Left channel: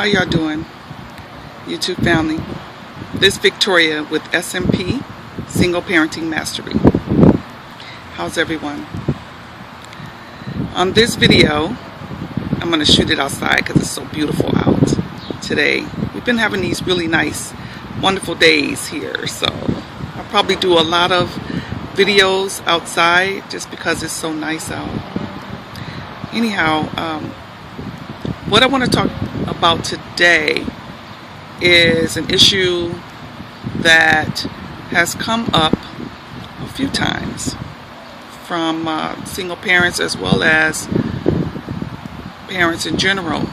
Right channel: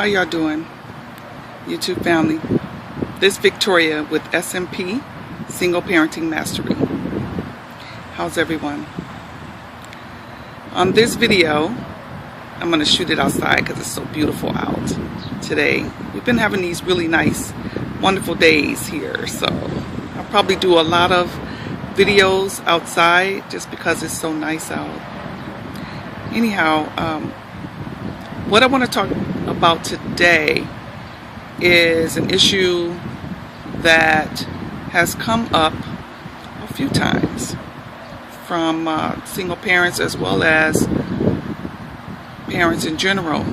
How y'all doing, YouTube family? This is Victoria with SMP Single Parenting Mastery. How's everyone? On this video, I'm going to shoot it outside because it's so beautiful out today. We've been having these really nice, wonderful days here, so I'll probably do a lot of videos outside just because it's so nice out. Anyhow, what I want to talk about today is an issue that has come up a few times from single parents as well as parents in general,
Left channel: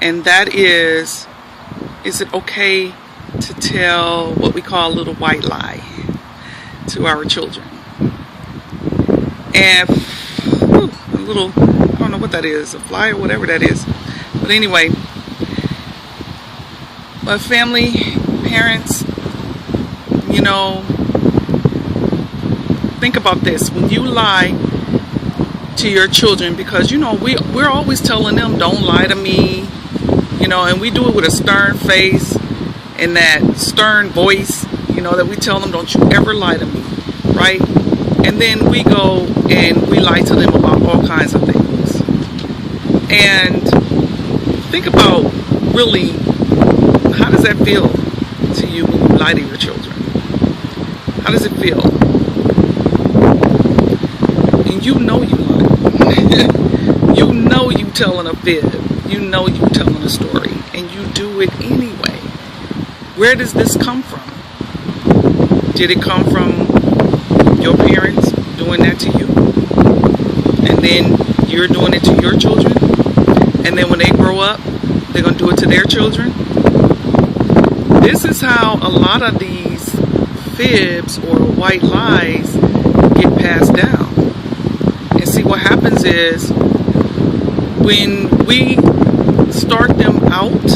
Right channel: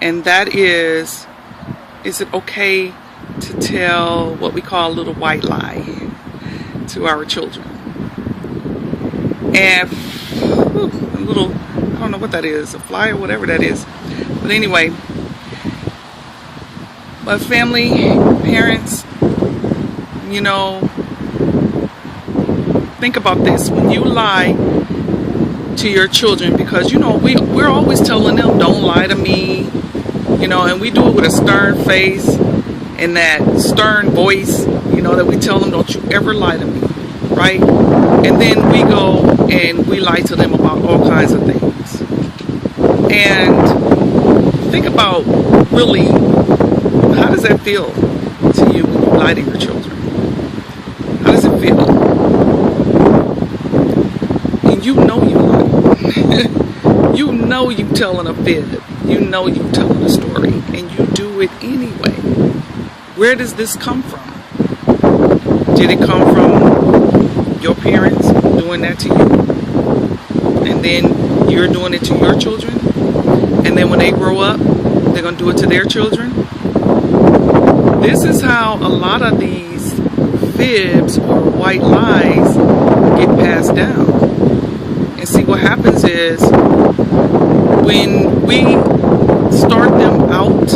and that is it okay to tell what we call a little white lie to our children? And a little, I don't know what that is, a fly or whatever that is. But anyway, but family, parents, you know, think about this. When you lie to your children, because, you know, we're always telling them, don't lie to me, you know, and we do it with a stern face and that stern voice, you know, that we tell them, don't you ever lie to me, right? And then we go and we lie to them about all kinds of things. And think about, really, how does that feel to you when you lie to your children? How does it feel? And you know you lie. You know you telling a fib. You know you telling a story. And you do it anyway. Where does this come from? Did it come from your parents doing that to you? And then you're doing it to your children? And then when they grow up, they're going to do it to their children? This is how a lot of these fibs or white lies get passed down. And see, what happens is when we start them out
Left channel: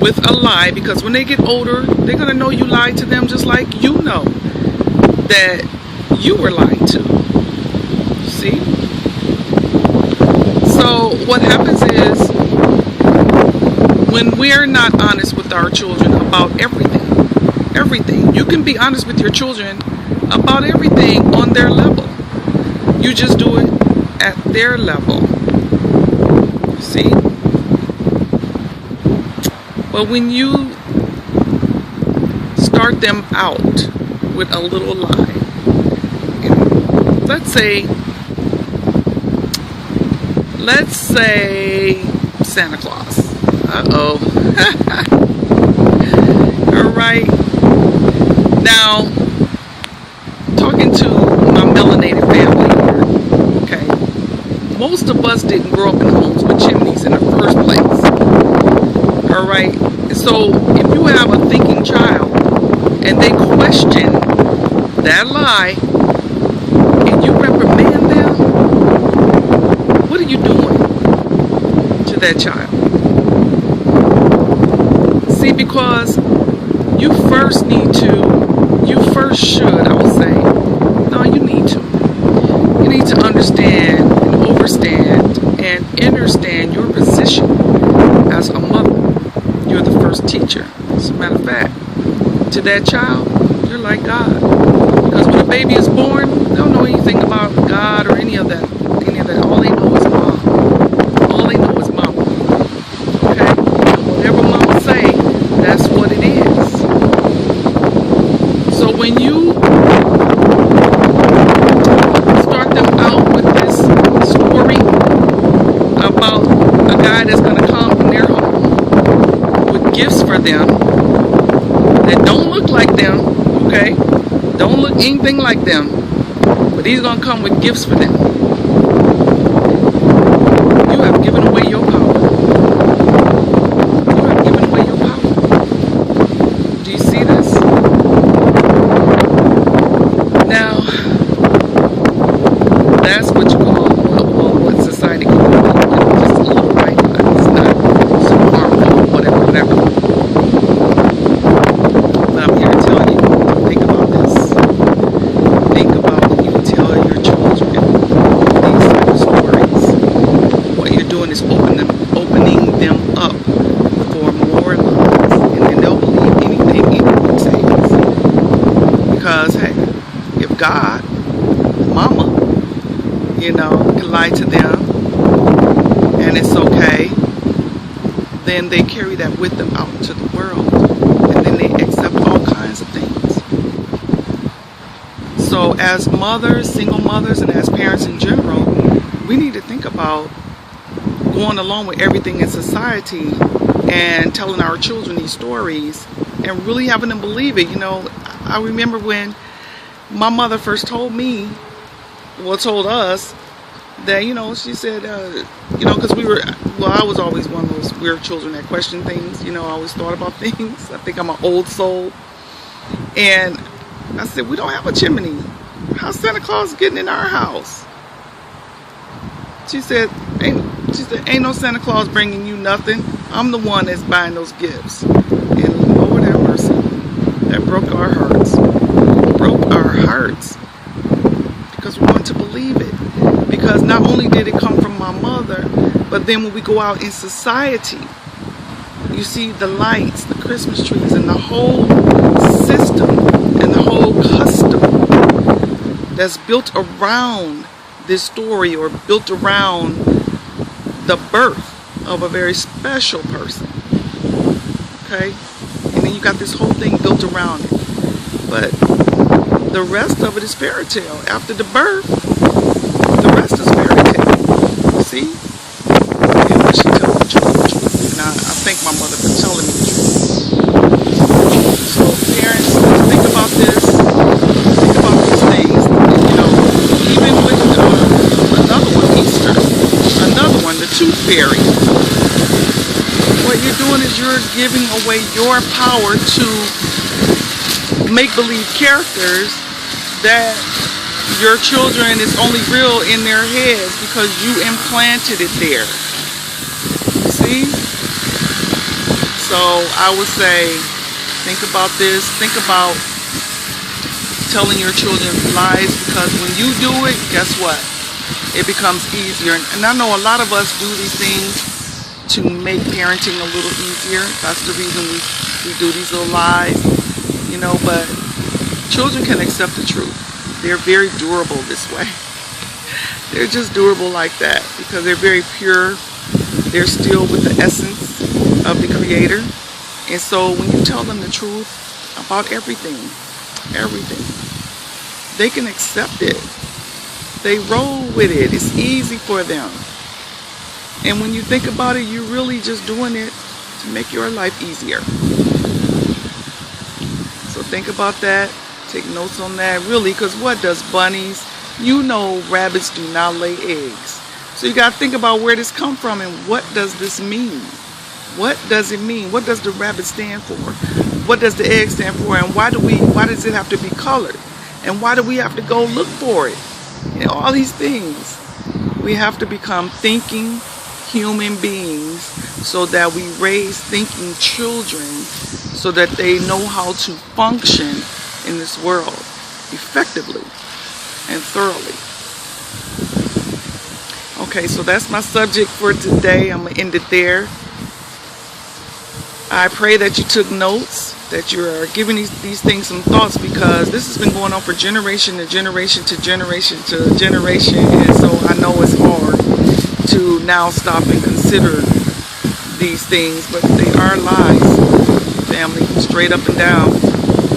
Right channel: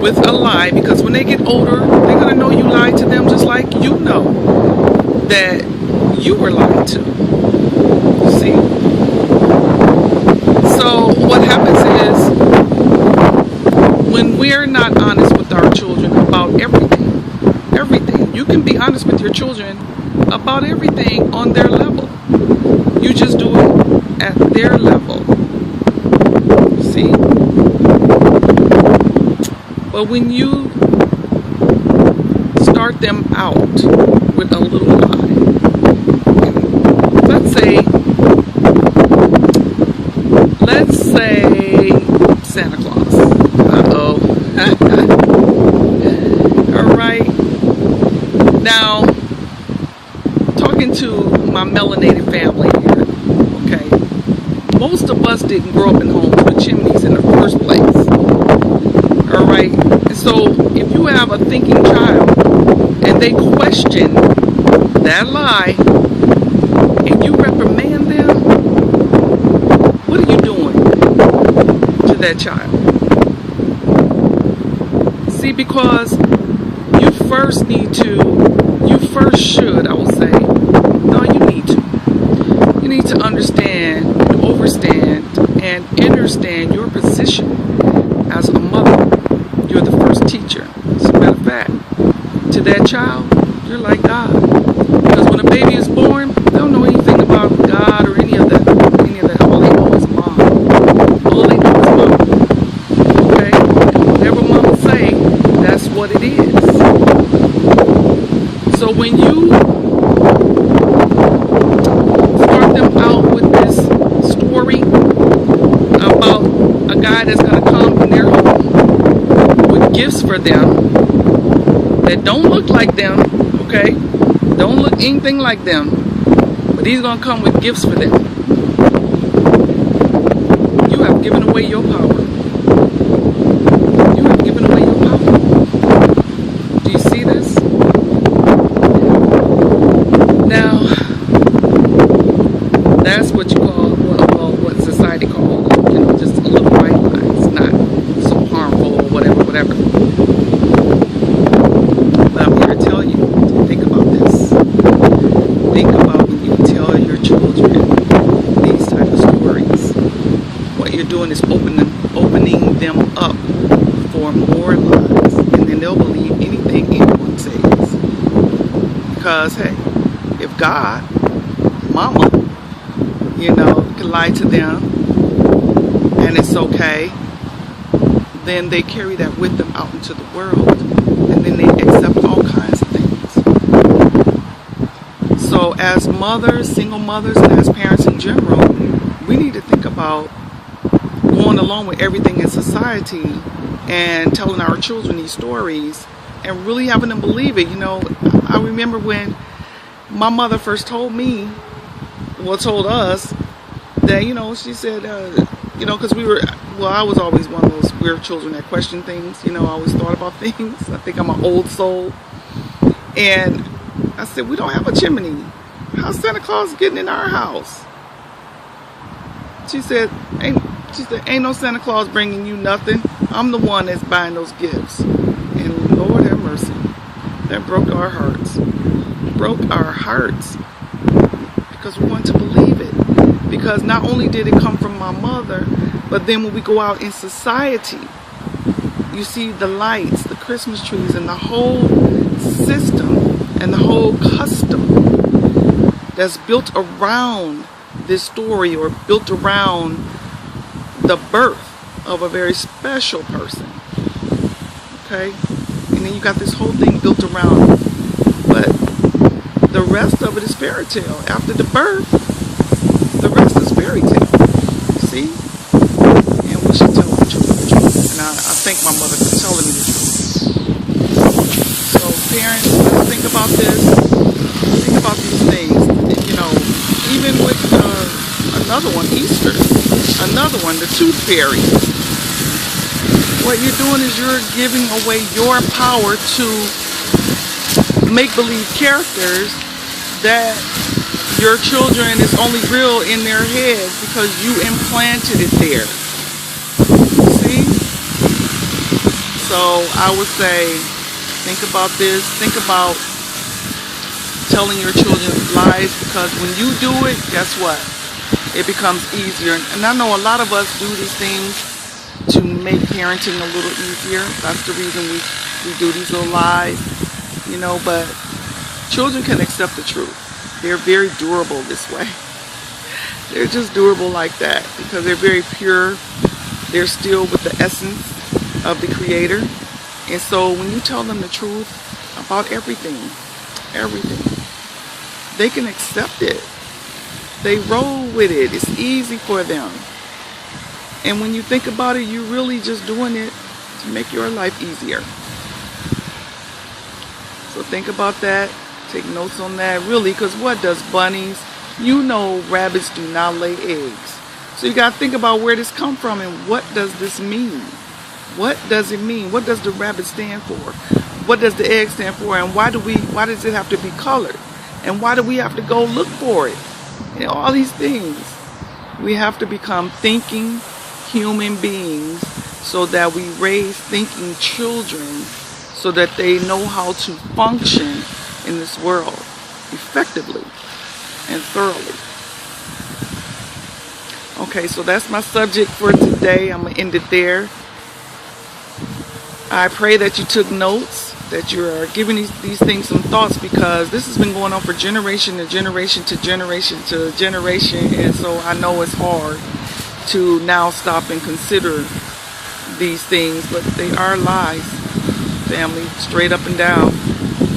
with a lie, because when they get older, they're going to know you lied to them just like you know that you were lied to. You see? So what happens is, when we're not honest with our children about everything, you can be honest with your children about everything on their level. You just do it at their level. You see? But when you start them out with a little lie, let's say Santa Claus. Uh-oh. All right. Now, talking to my melanated family here, okay, most of us didn't grow up in homes with chimneys in the first place. All right. So if you have a thinking child and they question that lie and you reprimand them, what are you doing to that child? See, because you first should, I will say, no, you need to understand and overstand and understand your position as a mother. You're the first teacher. As a matter of fact, to that child, you're like God. Because when a baby is born, they don't know anything about God or any of that. All they know is mom. All they know is mom. Okay? Whatever mama say, that's what it is. So when you start them out with this story about a guy that's going to come in their home with gifts for them that don't look like them, okay? Don't look anything like them, but he's going to come with gifts for them. You have given away your power. You have given away your power. Do you see this? Now, that's what you call, well, what society calls it, you know, just a little white lie. It's not so harmful or whatever. But I'm here to tell you to think about this. Think about when you tell your children these type of stories. What you're doing is opening them up for more lies, and then they'll believe anything anyone says. Because hey, if God, mama, can lie to them and it's okay, then they carry that with them out into the world, and then they accept all kinds of things. So as mothers, single mothers, and as parents in general, we need to think about going along with everything in society and telling our children these stories and really having them believe it. I remember when my mother first told us that, she said, because I was always one of those weird children that questioned things. I always thought about things. I think I'm an old soul. And I said, we don't have a chimney. How's Santa Claus getting in our house? She said, ain't no Santa Claus bringing you nothing. I'm the one that's buying those gifts. And Lord have mercy, that broke our hearts. Because we want to believe it. Because not only did it come from my mother, but then when we go out in society, you see the lights, the Christmas trees, and the whole system and the whole custom that's built around this story, or built around the birth of a very special person. Okay? And then you got this whole thing built around it. But the rest of it is fairy tale. After the birth, the rest is fairy tale. See? And when she tells the truth. And I thank my mother for telling me the truth. So parents, think about this. Think about these things. Even with another one, Easter. Another one, the tooth fairy. What you're doing is you're giving away your power to make-believe characters that your children is only real in their heads because you implanted it there. See? So I would say, think about this. Think about telling your children lies, because when you do it, guess what? It becomes easier. And I know a lot of us do these things to make parenting a little easier. That's the reason we do these little lies, but children can accept the truth. They're very durable this way. They're just durable like that because they're very pure. They're still with the essence of the Creator. And so when you tell them the truth about everything, they can accept it. They roll with it. It's easy for them. And when you think about it, you're really just doing it to make your life easier. So think about that. Take notes on that, really, because what does bunnies, rabbits do not lay eggs. So you got to think about where this come from and what does this mean? What does it mean? What does the rabbit stand for? What does the egg stand for? And why does it have to be colored? And why do we have to go look for it? All these things. We have to become thinking human beings so that we raise thinking children so that they know how to function in this world effectively and thoroughly. Okay, so that's my subject for today. I'm going to end it there. I pray that you took notes, that you're giving these things some thoughts, because this has been going on for generation to generation to generation to generation, and so I know it's hard to now stop and consider these things, but they are lies, family, straight up and down.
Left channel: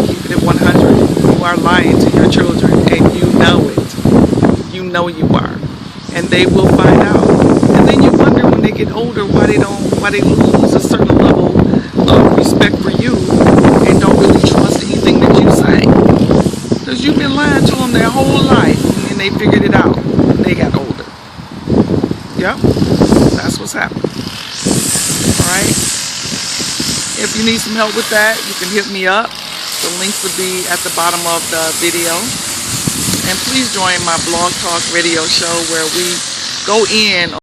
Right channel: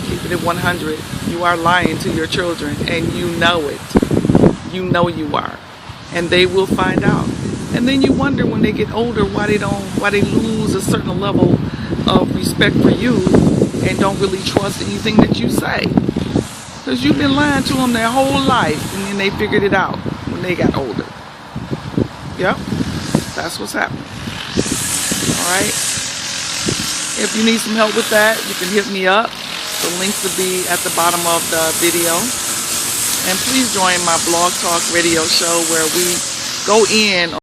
Keep it at 100. You are lying to your children, and you know it. You know you are, and they will find out. And then you wonder when they get older why they lose a certain level of respect for you and don't really trust anything that you say, because you've been lying to them their whole life, and then they figured it out when they got older. Yep, that's what's happening. Alright, if you need some help with that, you can hit me up. The links will be at the bottom of the video. And please join my Blog Talk radio show where we go in